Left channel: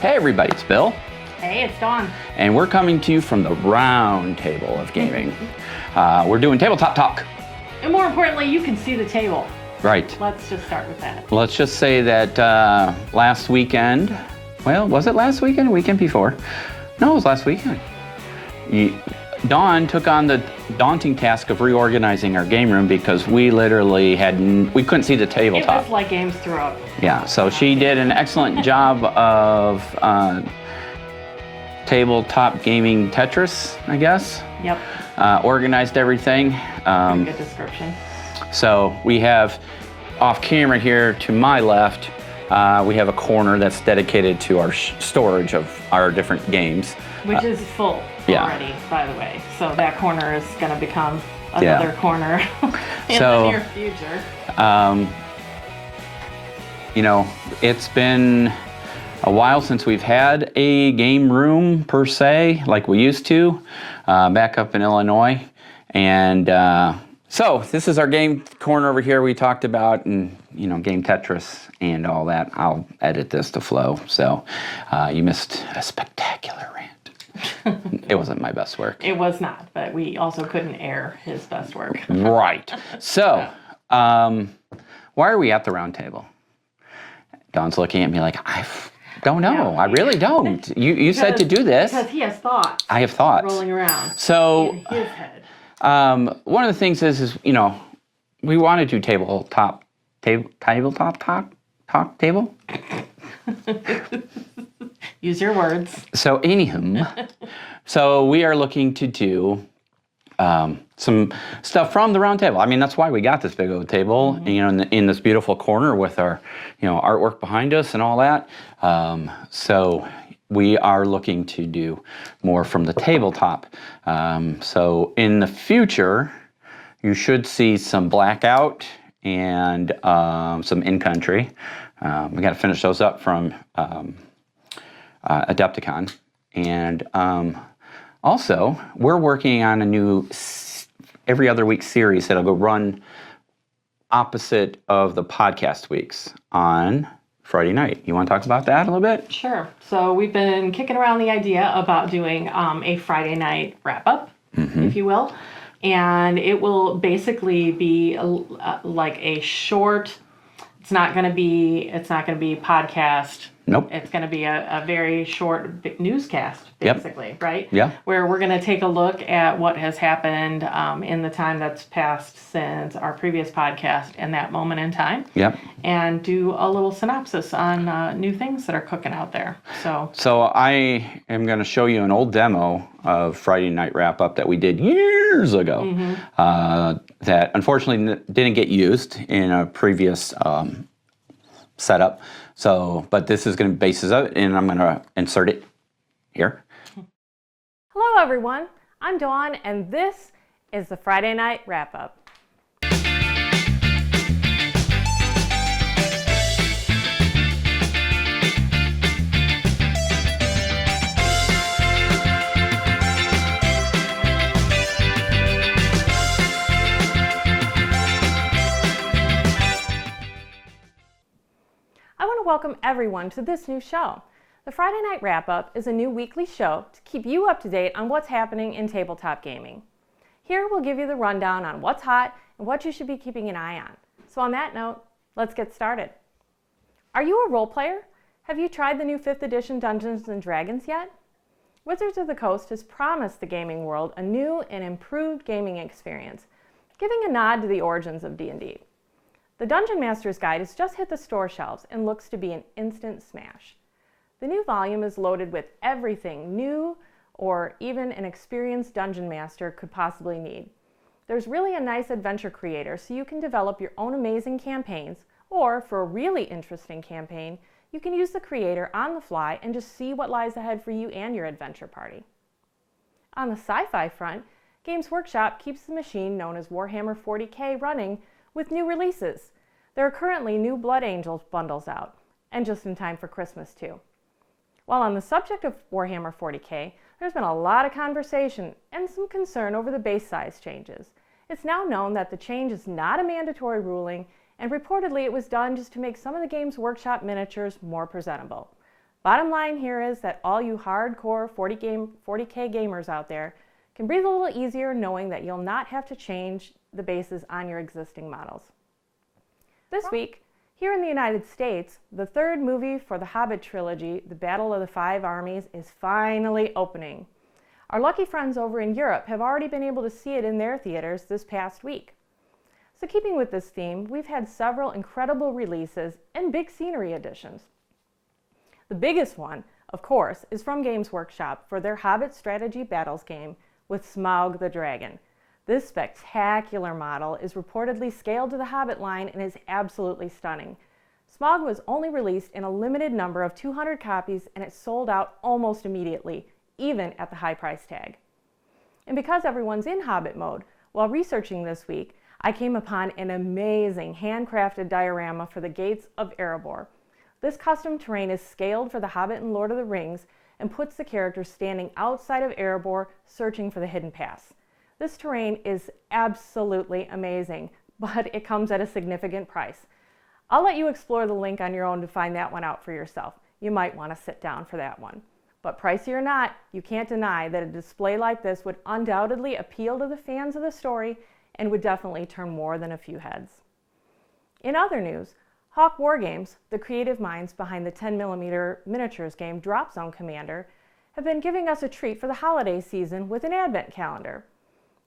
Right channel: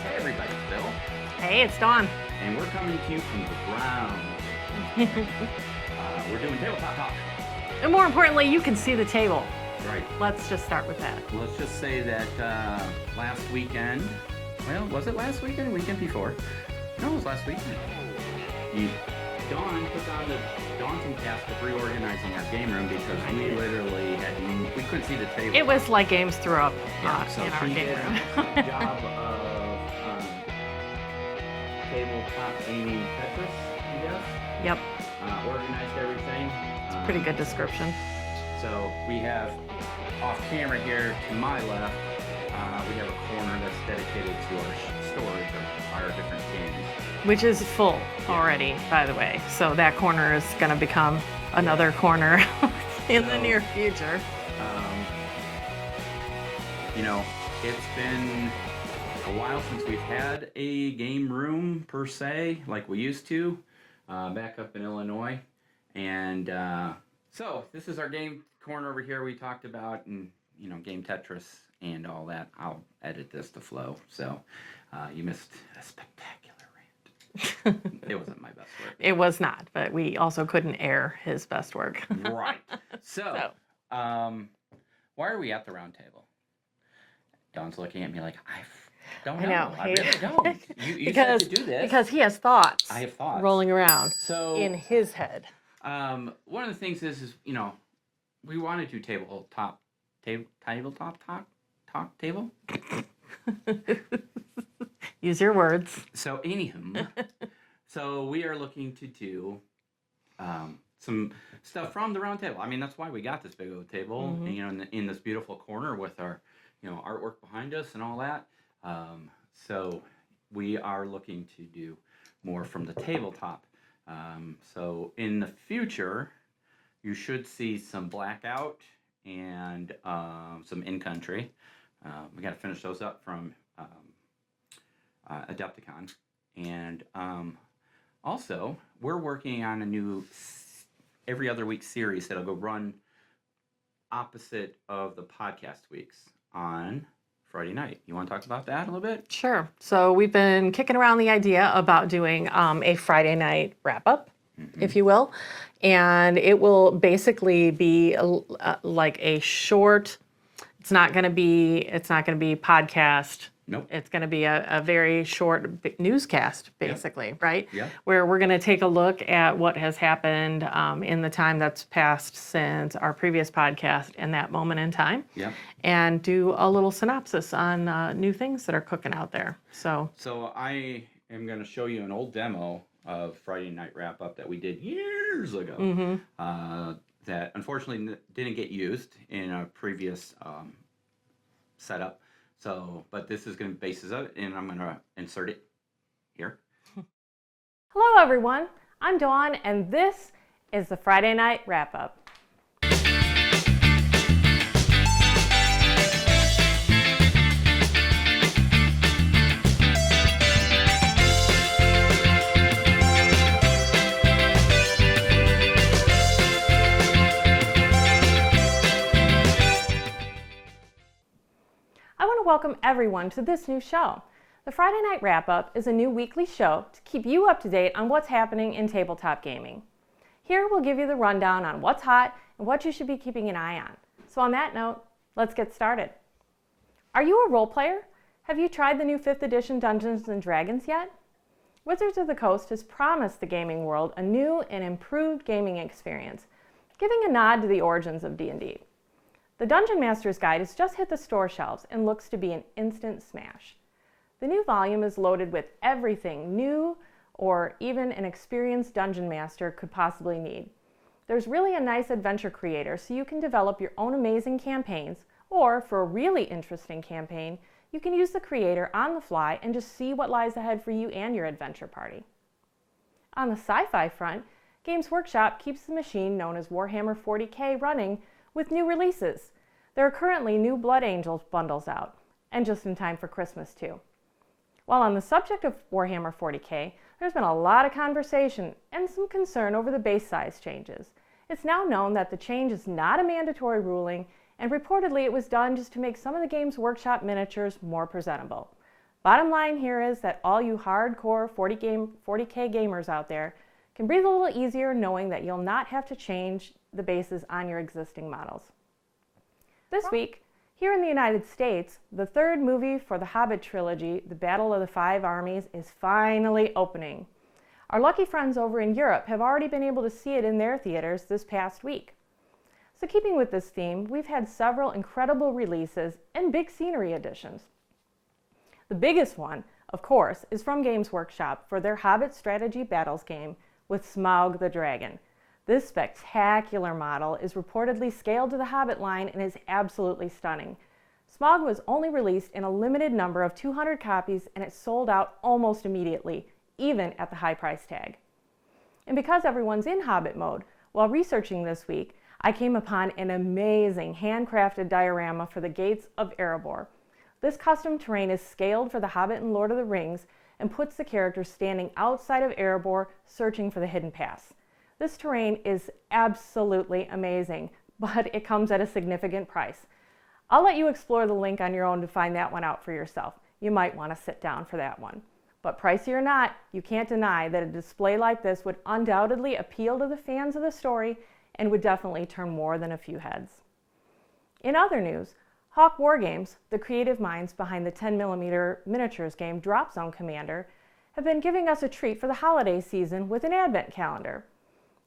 Hey everybody, it's Bill. Hey, it's Dawn. And we're coming to you from the round table of gaming. We're doing tabletop talk. And more importantly, you can see the table. Right. Let's just start with that. Let's just say that last weekend, well, was it last weekend or weekend before? No, it was last weekend. Dawn took on the daunting task of reorganizing our game room because we literally we couldn't see the tabletop. It was like games throughout. Yeah, so she did an excellent job of tabletop gaming Tetris, I guess. Yep. Organized everything. Pretty good description. So we have off camera here to my left, we have a corner that's dedicated to our storage of our different games. Which is full already, by the way. So that corner is going to become another corner in the near future. You know, it's been a while since we've had a game room per se, like we used to, back up in Illinois. And so this is our game corner over here we talked about, and game Tetris and all that. I'll edit this to flow. So you missed a spectacular rant. It wasn't my best work. It was not, but we also couldn't air his best work. Right. So why are we at the round table? Dawn's looking at me like, I don't know. Yeah. I really don't. You said to do this. Because he has thoughts. I have thoughts. Rolling around so, in his head. One of the things is we want to do tabletop table. Use your words. So, so we are looking to do some stuff from the round table. I mean, that's why we got this big old table, in this beautiful corner with our, artwork behind us and all that. So we are looking to do more from the tabletop. So in the future, you should see some Blackout and some In-Country. We got to finish those up from Adepticon. And also, we're working on a new every other week series that'll go run opposite of the podcast weeks on Friday night. You want to talk about that a little bit? Sure. So we've been kicking around the idea about doing a Friday night wrap-up, if you will. And it will basically be like a short, it's not going to be podcast. Nope. It's going to be a very short newscast, basically, right? Yeah. Where we're going to take a look at what has happened in the time that's passed since our previous podcast and that moment in time. Yep. And do a little synopsis on new things that are cooking out there. So I am going to show you an old demo of Friday Night Wrap Up that we did years ago that unfortunately didn't get used in a previous setup. So, but this is going to basis it, and I'm going to insert it here. Hello, everyone. I'm Dawn, and this is the Friday Night Wrap-Up. I want to welcome everyone to this new show. The Friday Night Wrap-Up is a new weekly show to keep you up to date on what's happening in tabletop gaming. Here we'll give you the rundown on what's hot and what you should be keeping an eye on. So on that note, let's get started. Are you a role player? Have you tried the new 5th edition Dungeons & Dragons yet? Wizards of the Coast has promised the gaming world a new and improved gaming experience, giving a nod to the origins of D&D. The Dungeon Master's Guide has just hit the store shelves and looks to be an instant smash. The new volume is loaded with everything new or even an experienced Dungeon Master could possibly need. There's really a nice adventure creator so you can develop your own amazing campaigns, or for a really interesting campaign, you can use the creator on the fly and just see what lies ahead for you and your adventure party. On the sci-fi front, Games Workshop keeps the machine known as Warhammer 40K running with new releases. There are currently new Blood Angels bundles out, and just in time for Christmas too. While on the subject of Warhammer 40K, there's been a lot of conversation and some concern over the base size changes. It's now known that the change is not a mandatory ruling, and reportedly it was done just to make some of the Games Workshop miniatures more presentable. Bottom line here is that all you hardcore 40K gamers out there can breathe a little easier knowing that you'll not have to change the bases on your existing models. This week, here in the United States, the third movie for the Hobbit trilogy, The Battle of the Five Armies, is finally opening. Our lucky friends over in Europe have already been able to see it in their theaters this past week. So keeping with this theme, we've had several incredible releases and big scenery additions. The biggest one, of course, is from Games Workshop for their Hobbit Strategy Battles game with Smaug the Dragon. This spectacular model is reportedly scaled to the Hobbit line and is absolutely stunning. Smaug was only released in a limited number of 200 copies and it sold out almost immediately, even at the high price tag. And because everyone's in Hobbit mode, while researching this week, I came upon an amazing handcrafted diorama for the Gates of Erebor. This custom terrain is scaled for the Hobbit and Lord of the Rings and puts the characters standing outside of Erebor searching for the hidden pass. This terrain is absolutely amazing, but it comes at a significant price. I'll let you explore the link on your own to find that one out for yourself. You might want to sit down for that one. But pricey or not, you can't deny that a display like this would undoubtedly appeal to the fans of the story and would definitely turn more than a few heads. In other news, Hawk Wargames, the creative minds behind the 10mm miniatures game Drop Zone Commander, have been giving us a treat for the holiday season with an advent calendar.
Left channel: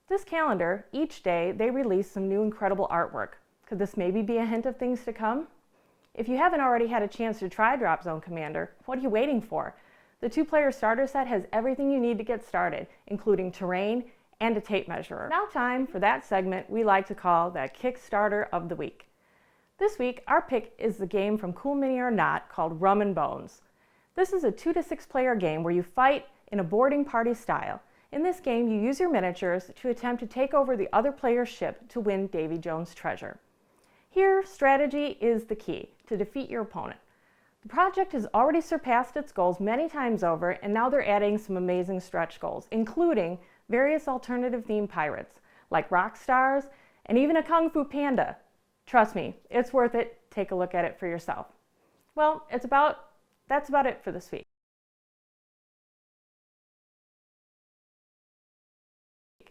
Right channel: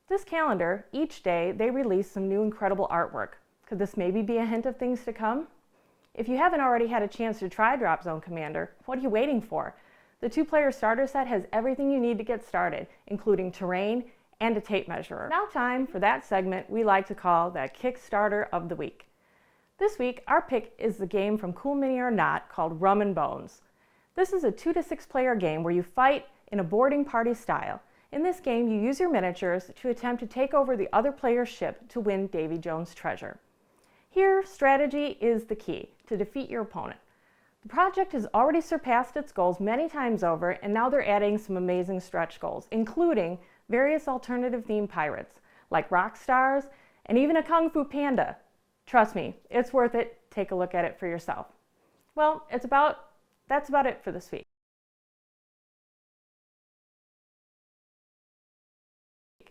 This calendar, each day they release some new incredible artwork. Could this maybe be a hint of things to come? If you haven't already had a chance to try Drop Zone Commander, what are you waiting for? The 2-player starter set has everything you need to get started, including terrain and a tape measurer. Now time for that segment we like to call that Kickstarter of the Week. This week, our pick is the game from Cool Mini or Not called Rum and Bones. This is a 2 to 6 player game where you fight in a boarding party style. In this game, you use your miniatures to attempt to take over the other player's ship to win Davy Jones' treasure. Here, strategy is the key to defeat your opponent. The project has already surpassed its goals many times over, and now they're adding some amazing stretch goals, including various alternative themed pirates, like rock stars, and even a Kung Fu Panda. Trust me, it's worth it. Take a look at it for yourself. Well, that's about it for this week.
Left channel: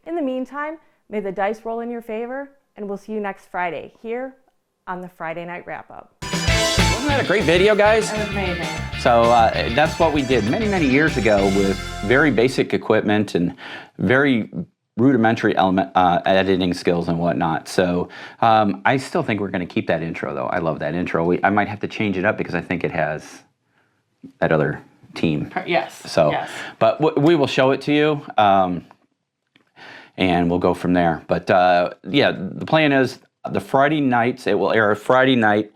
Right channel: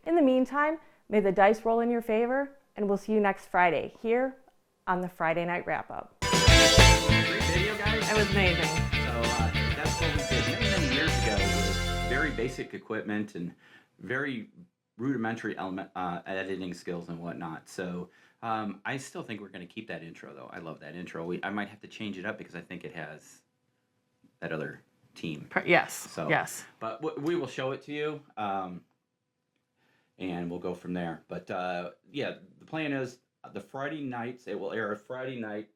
In the meantime, may the dice roll in your favor, and we'll see you next Friday here on the Friday Night Wrap-Up. Wasn't that a great video, guys? That was amazing. So that's what we did many, many years ago with very basic equipment and very rudimentary editing skills and whatnot. So I still think we're going to keep that intro, though. I love that intro. I might have to change it up because I think it has that other team. Yes. So, yes. But we will show it to you, and we'll go from there. But yeah, the plan is the Friday nights. It will air Friday night,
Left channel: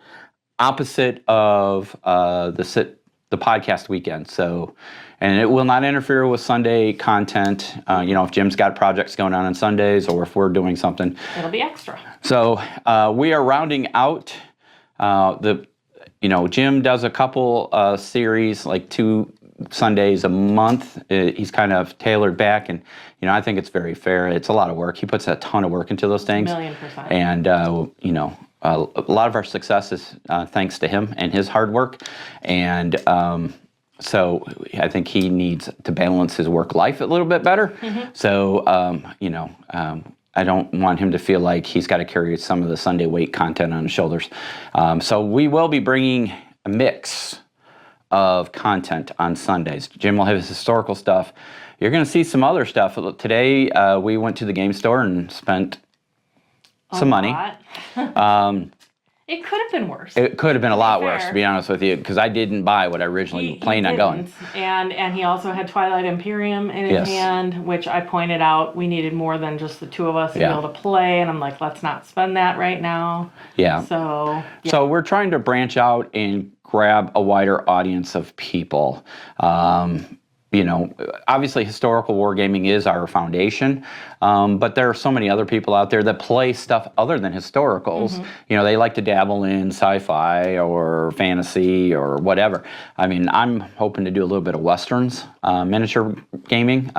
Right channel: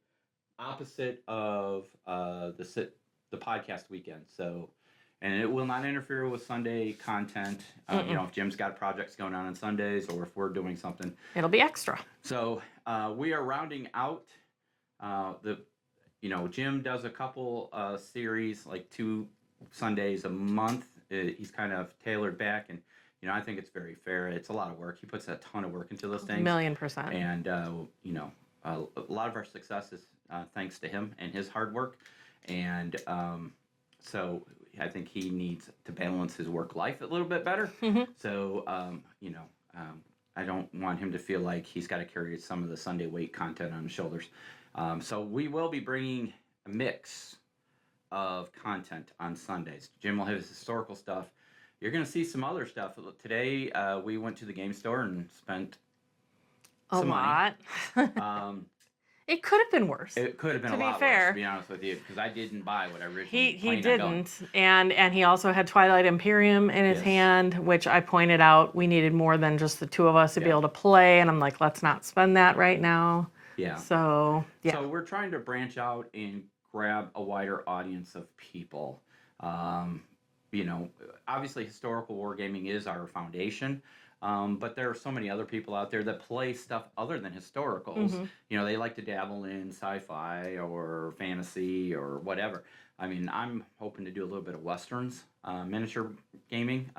opposite of the podcast weekend. So, and it will not interfere with Sunday content. You know, if Jim's got projects going on Sundays, or if we're doing something, it'll be extra. So we are rounding out Jim does a couple series, like 2 Sundays a month. He's kind of tailored back, and I think it's very fair. It's a lot of work. He puts a ton of work into those things. 1,000,000%. And a lot of our success is thanks to him and his hard work. And so I think he needs to balance his work life a little bit better. Mm-hmm. So I don't want him to feel like he's got to carry some of the Sunday weight content on his shoulders. So we will be bringing a mix of content on Sundays. Jim will have his historical stuff. You're going to see some other stuff. Today we went to the game store and spent some money. It could have been worse. It could have been a lot worse, to be honest with you, because I didn't buy what I originally planned on going. And he also had Twilight Imperium in his hand, which I pointed out we needed more than just the 2 of us to be able to play. And I'm like, let's not spend that right now. Yeah. So we're trying to branch out and grab a wider audience of people. you know, obviously historical wargaming is our foundation, but there are so many other people out there that play stuff other than historicals. You know, they like to dabble in sci-fi or fantasy or whatever. I mean, I'm hoping to do a little bit of westerns, miniature gaming,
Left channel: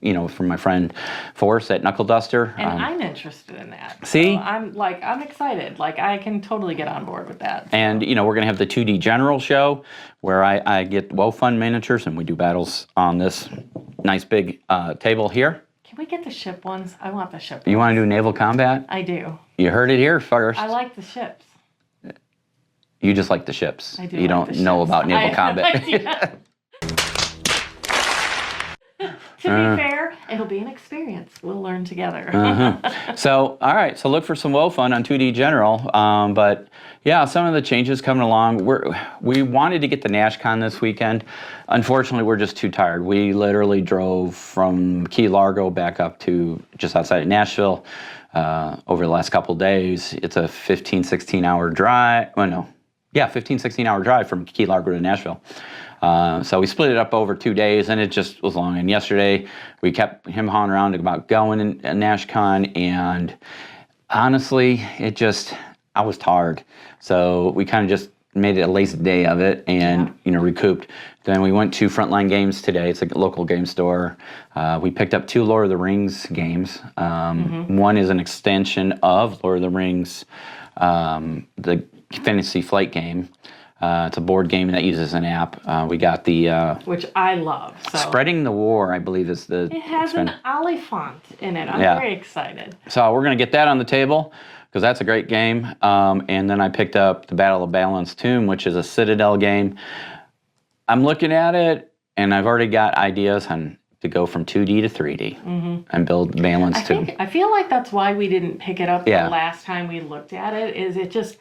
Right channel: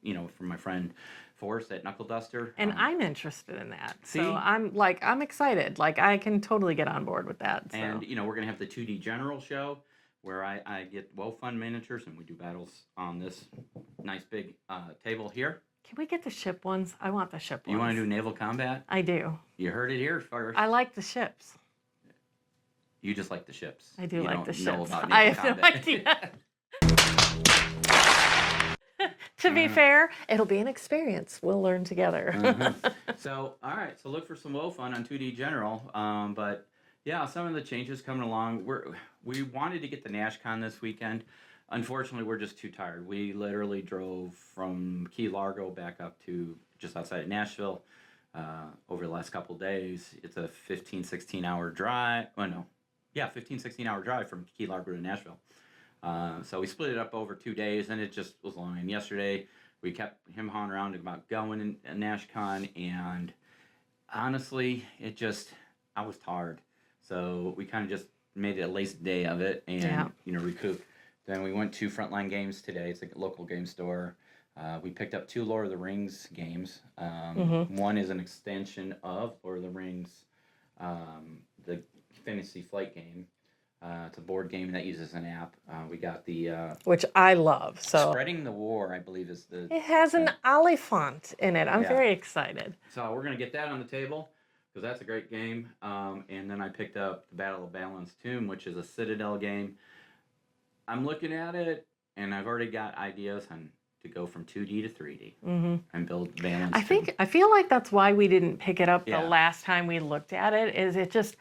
you know, from my friend Forrest at Knuckle Duster. And I'm interested in that. See? So I'm excited. Like, I can totally get on board with that. So. And, you know, we're going to have the 2D General show where I get well-fun miniatures and we do battles on this nice big table here. Can we get the ship ones? I want the ship ones. You want to do naval combat? I do. You heard it here first. I like the ships. You just like the ships. I do. You like don't the know ships. about naval combat. To be fair, it'll be an experience. We'll learn together. So, all right. So look for some WoW fun on 2D General. But yeah, some of the changes coming along. We wanted to get the NashCon this weekend. Unfortunately, we're just too tired. We literally drove from Key Largo back up to just outside of Nashville over the last couple of days. It's a 15, 16-hour drive. Oh, no. Yeah, 15, 16-hour drive from Key Largo to Nashville. So we split it up over 2 days, and it just was long. And yesterday, we kept him hawing around about going in NashCon, and honestly, I was tired. So we kind of just made it a lazy day of it and, you know, recouped. Then we went to Frontline Games today. It's a local game store. We picked up 2 Lord of the Rings games. One is an extension of Lord of the Rings, the Fantasy Flight game. It's a board game that uses an app. We got the... Which I love. So. Spreading the War, I believe, is the... It has an oliphant in it. I'm very excited. So we're going to get that on the table, because that's a great game. And then I picked up the Battle of Balance Tomb, which is a Citadel game. I'm looking at it, and I've already got ideas on to go from 2D to 3D and build Balance Tomb. I feel like that's why we didn't pick it up the last time we looked at it, is it just...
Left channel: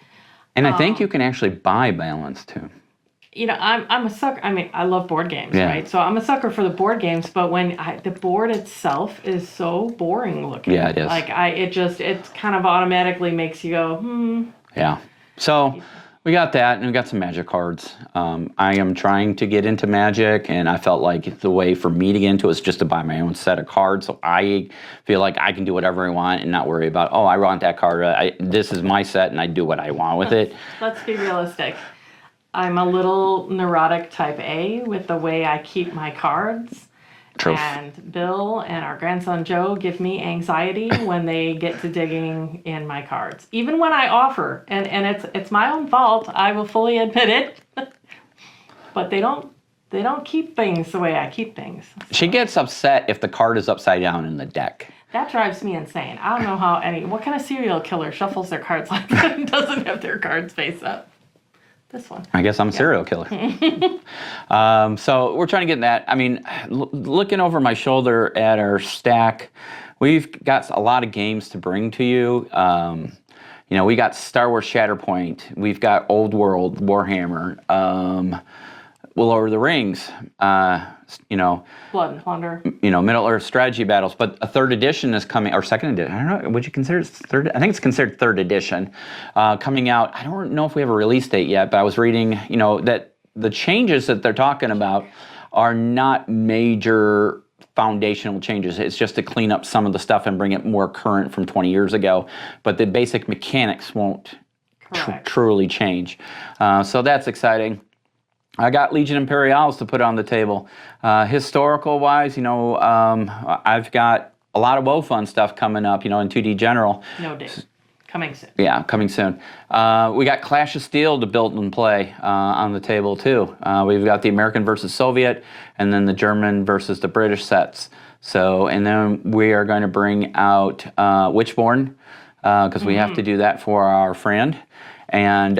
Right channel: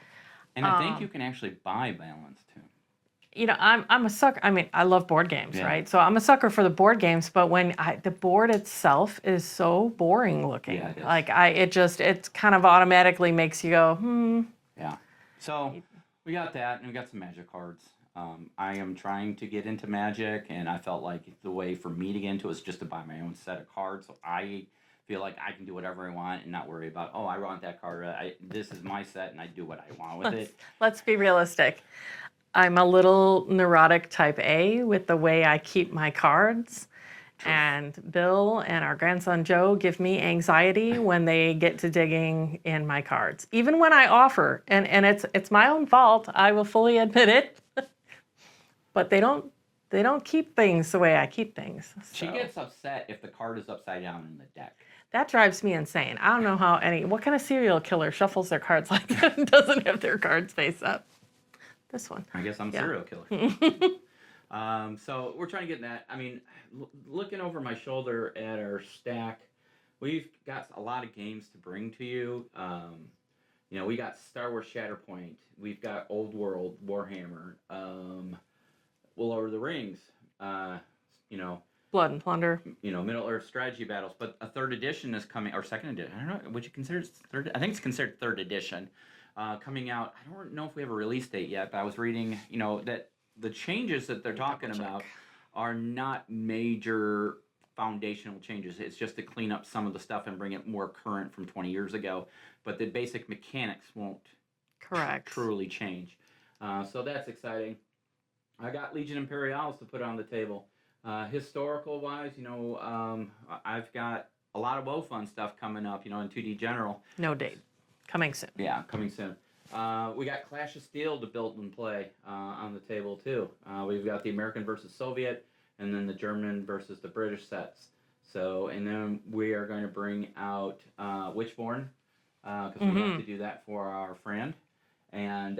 And I think you can actually buy Balance Tomb. You know, I'm a sucker. I mean, I love board games, right? So I'm a sucker for the board games, but when the board itself is so boring looking. Yeah, it is. Like, it kind of automatically makes you go, Yeah. So we got that, and we got some Magic cards. I am trying to get into Magic, and I felt like the way for me to get into it is just to buy my own set of cards, so I feel like I can do whatever I want and not worry about, oh, I want that card. This is my set, and I do what I want with it. Let's be realistic. I'm a little neurotic type A with the way I keep my cards. Truth. And Bill and our grandson Joe give me anxiety when they get to digging in my cards. Even when I offer, and it's my own fault, I will fully admit it. But they don't keep things the way I keep things. So. She gets upset if the card is upside down in the deck. That drives me insane. I don't know what kind of serial killer shuffles their cards like that and doesn't have their cards face up. This one. I guess I'm a serial killer. So we're trying to get in that. I mean, looking over my shoulder at our stack, we've got a lot of games to bring to you. You know, we got Star Wars Shatterpoint. We've got Old World, Warhammer, Lord of the Rings. You know, Blood and Plunder. You know, Middle Earth strategy battles. But a 3rd edition is coming, or 2nd edition. I don't know. Would you consider it 3rd? I think it's considered 3rd edition coming out. I don't know if we have a release date yet, but I was reading, you know, that the changes that they're talking about are not major foundational changes. It's just to clean up some of the stuff and bring it more current from 20 years ago. But the basic mechanics won't truly change. So that's exciting. I got Legion Imperials to put on the table. Historical-wise, you know, I've got a lot of WoW fun stuff coming up, you know, in 2D General. No date. Coming soon. Yeah, coming soon. We got Clash of Steel to build and play on the table, too. We've got the American versus Soviet, and then the German versus the British sets. So, and then we are going to bring out Witchborn, because we have to do that for our friend. And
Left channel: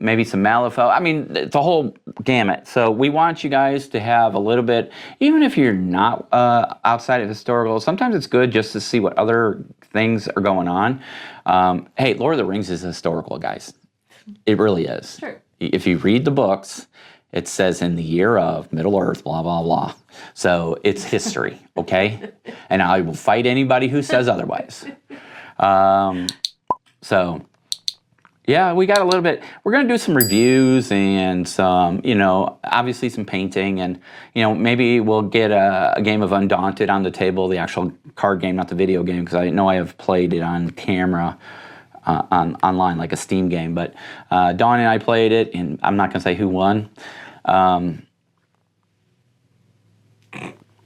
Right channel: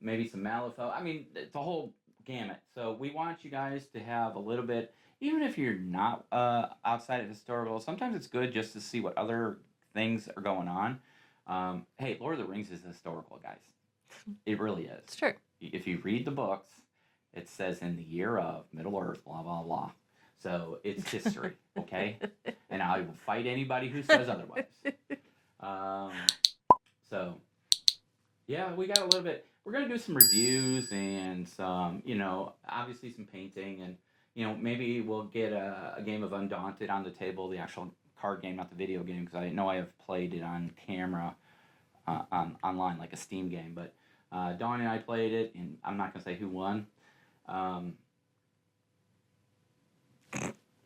maybe some Malifaux. I mean, it's a whole gamut. So we want you guys to have a little bit, even if you're not outside of historical, sometimes it's good just to see what other things are going on. Hey, Lord of the Rings is historical, guys. It really is. Sure. If you read the books, it says in the year of Middle Earth, blah, blah, blah. So it's history, okay? And I will fight anybody who says otherwise. So... Yeah, we got a little bit. We're going to do some reviews and some, obviously some painting, and maybe we'll get a game of Undaunted on the table, the actual card game, not the video game, because I know I have played it on camera, online, like a Steam game. But Dawn and I played it, and I'm not going to say who won.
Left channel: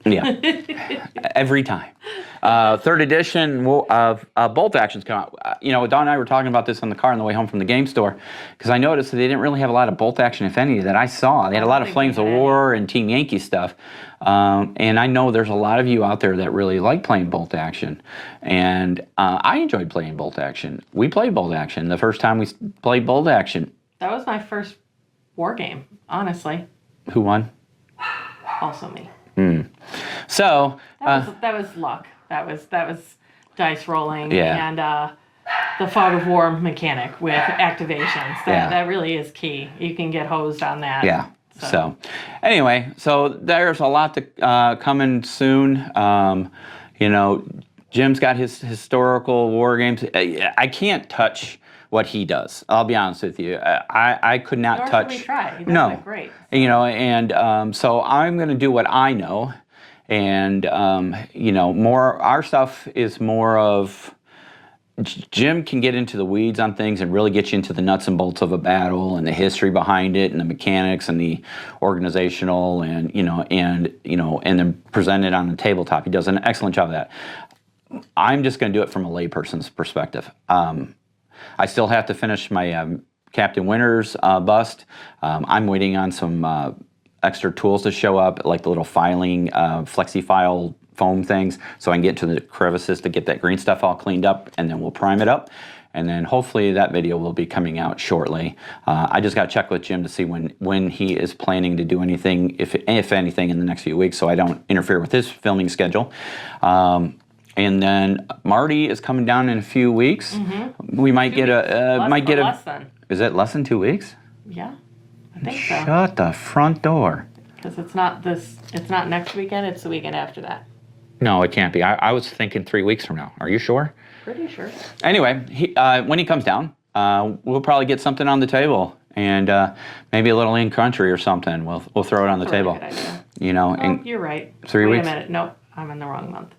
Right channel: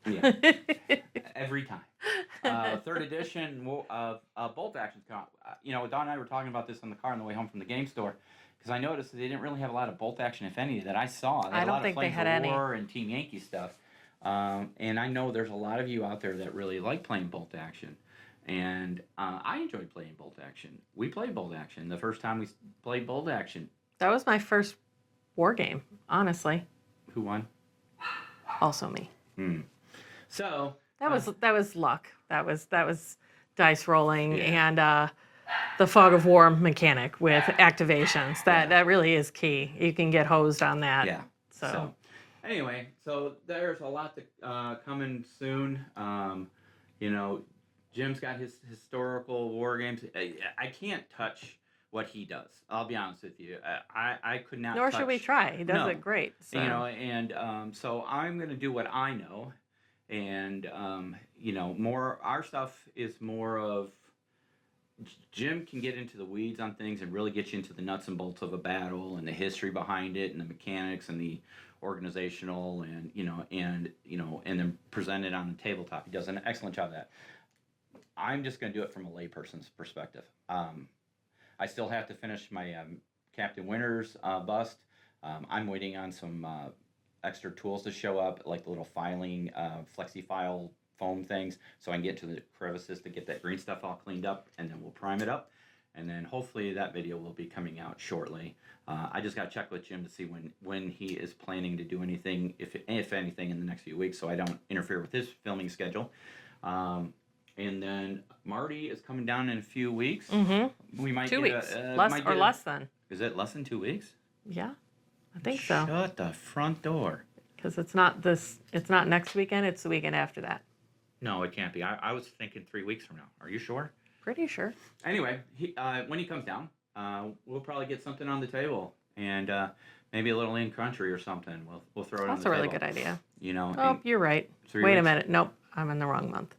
Yeah, every time. Third edition of Bolt Actions come out. Dawn and I were talking about this on the car on the way home from the game store, because I noticed that they didn't really have a lot of Bolt Action, if any, that I saw. They had a lot of Flames of War and Team Yankee stuff. And I know there's a lot of you out there that really like playing Bolt Action. And I enjoyed playing Bolt Action. We played Bolt Action the first time we played Bolt Action. That was my first war game, honestly. Who won? Also me. So that was luck. That was dice rolling Yeah. and the fog of war mechanic with activations. That really is key. You can get hosed on that. Yeah. So anyway, so there's a lot to coming soon. Jim's got his historical war games. I can't touch what he does. I'll be honest with you. I could not Nor touch. should we try. He does No. it great. And so I'm going to do what I know, and more. Our stuff is more of. Jim can get into the weeds on things and really get you into the nuts and bolts of a battle and the history behind it and the mechanics and the organizational and then present it on the tabletop. He does an excellent job of that. I'm just going to do it from a layperson's perspective. I still have to finish my Captain Winters bust. I'm waiting on some extra tools to show up, like the little filing flexi-file foam things, so I can get to the crevices to get that green stuff all cleaned up, and then we'll prime it up. And then hopefully that video will be coming out shortly. I just got to check with Jim to see when he is planning to do anything, if anything, in the next few weeks, so I don't interfere with his filming schedule. And then Marty is coming down in a few weeks. Mm-hmm. We might get less than. Is it less than 2 weeks? Yeah, I think so. Shut the front door. Because it's not next weekend, it's the weekend after that. No, it can't be. I was thinking 3 weeks from now. Are you sure? Pretty sure. Anyway, when he comes down, we'll probably get something on the table, and maybe a little in country or something. We'll throw it on the table. That's a really good idea. You're right. 3 weeks? Wait a minute. Nope, I'm in the wrong month.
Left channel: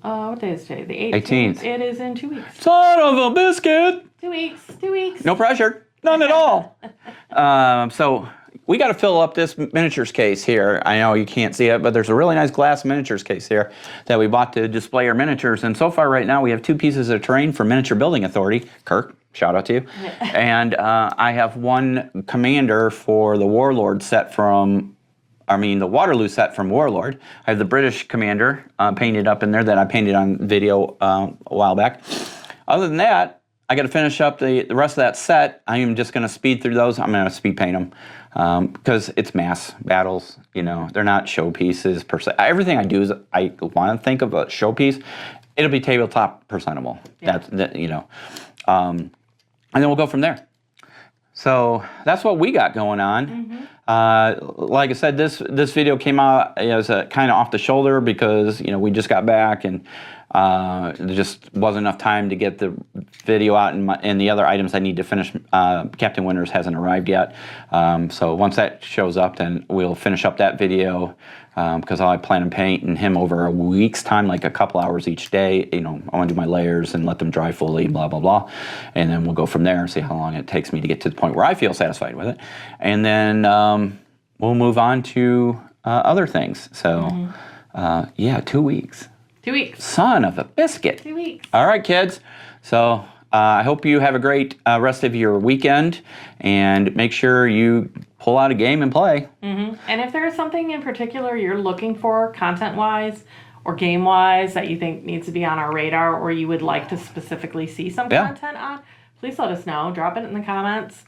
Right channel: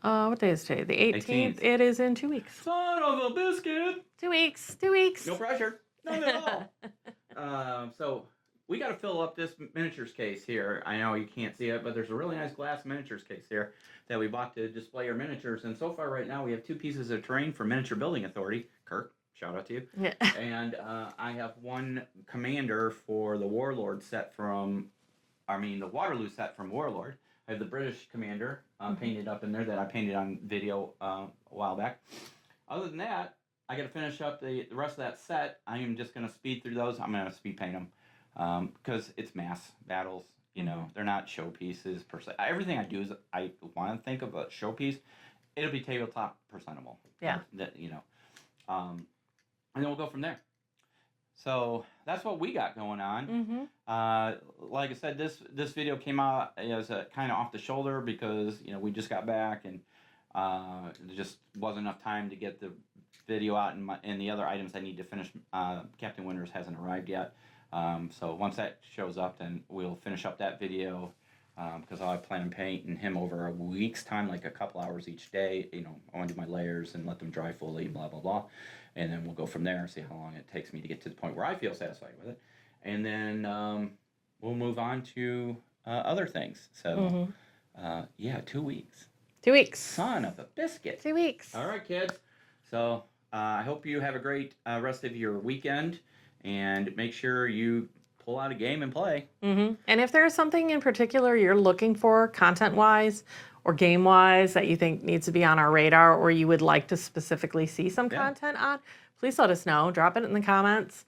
What day is today? The 18th. It is in 2 weeks. Son of a biscuit! 2 weeks. 2 weeks. No pressure. None at all. So we got to fill up this miniatures case here. I know you can't see it, but there's a really nice glass miniatures case here that we bought to display our miniatures. And so far right now we have 2 pieces of terrain from Miniature Building Authority. Kirk, shout out to you. And I have 1 commander for the Warlord set from, the Waterloo set from Warlord. I have the British commander painted up in there that I painted on video a while back. Other than that, I got to finish up the rest of that set. I am just going to speed through those. I'm going to speed paint them. Because it's mass battles, they're not showpieces per se. Everything I do is I want to think of a showpiece. It'll be tabletop presentable. Yeah. And then we'll go from there. So that's what we got going on. Mm-hmm. Like I said, this video came out as a kind of off the shoulder because we just got back and there just wasn't enough time to get the video out and the other items I need to finish. Captain Winters hasn't arrived yet. So once that shows up, then we'll finish up that video because I plan on painting him over a week's time, like a couple hours each day. I want to do my layers and let them dry fully, blah, blah, blah. And then we'll go from there and see how long it takes me to get to the point where I feel satisfied with it. And then we'll move on to other things. So, 2 weeks. 2 weeks. Son of a biscuit. 2 weeks. All right, kids. So I hope you have a great rest of your weekend, and make sure you pull out a game and play. Mm-hmm. And if there is something in particular you're looking for content-wise or game-wise that you think needs to be on our radar, or you would like to specifically see some content on, please let us know. Drop it in the comments,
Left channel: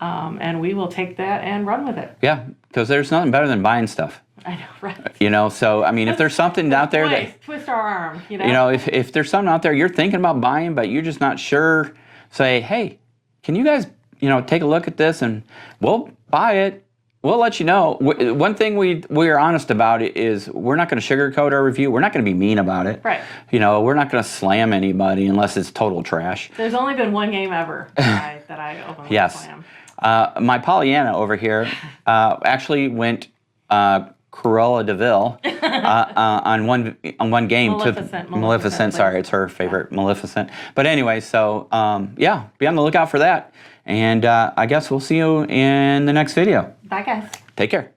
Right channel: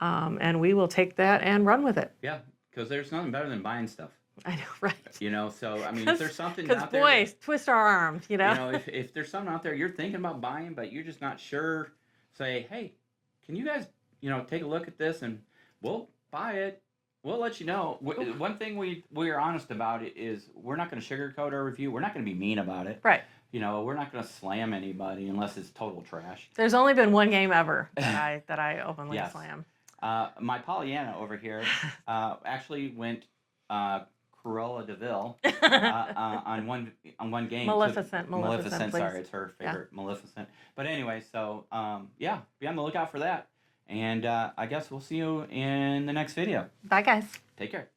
and we will take that and run with it. Yeah, because there's nothing better than buying stuff. I know, right? So, if there's something out there that... Twist our arm, if there's something out there you're thinking about buying, but you're just not sure, say, hey, can you guys, take a look at this and we'll buy it we'll let you know. One thing we are honest about is we're not going to sugarcoat our review. We're not going to be mean about it. Right. We're not going to slam anybody unless it's total trash. There's only been one game ever that I openly Yes. slam. My Pollyanna over here actually went Cruella de Vil on one game. Maleficent. Sorry, it's her favorite, Maleficent. But anyway, so yeah, be on the lookout for that. And I guess we'll see you in the next video. Bye, guys. Take care.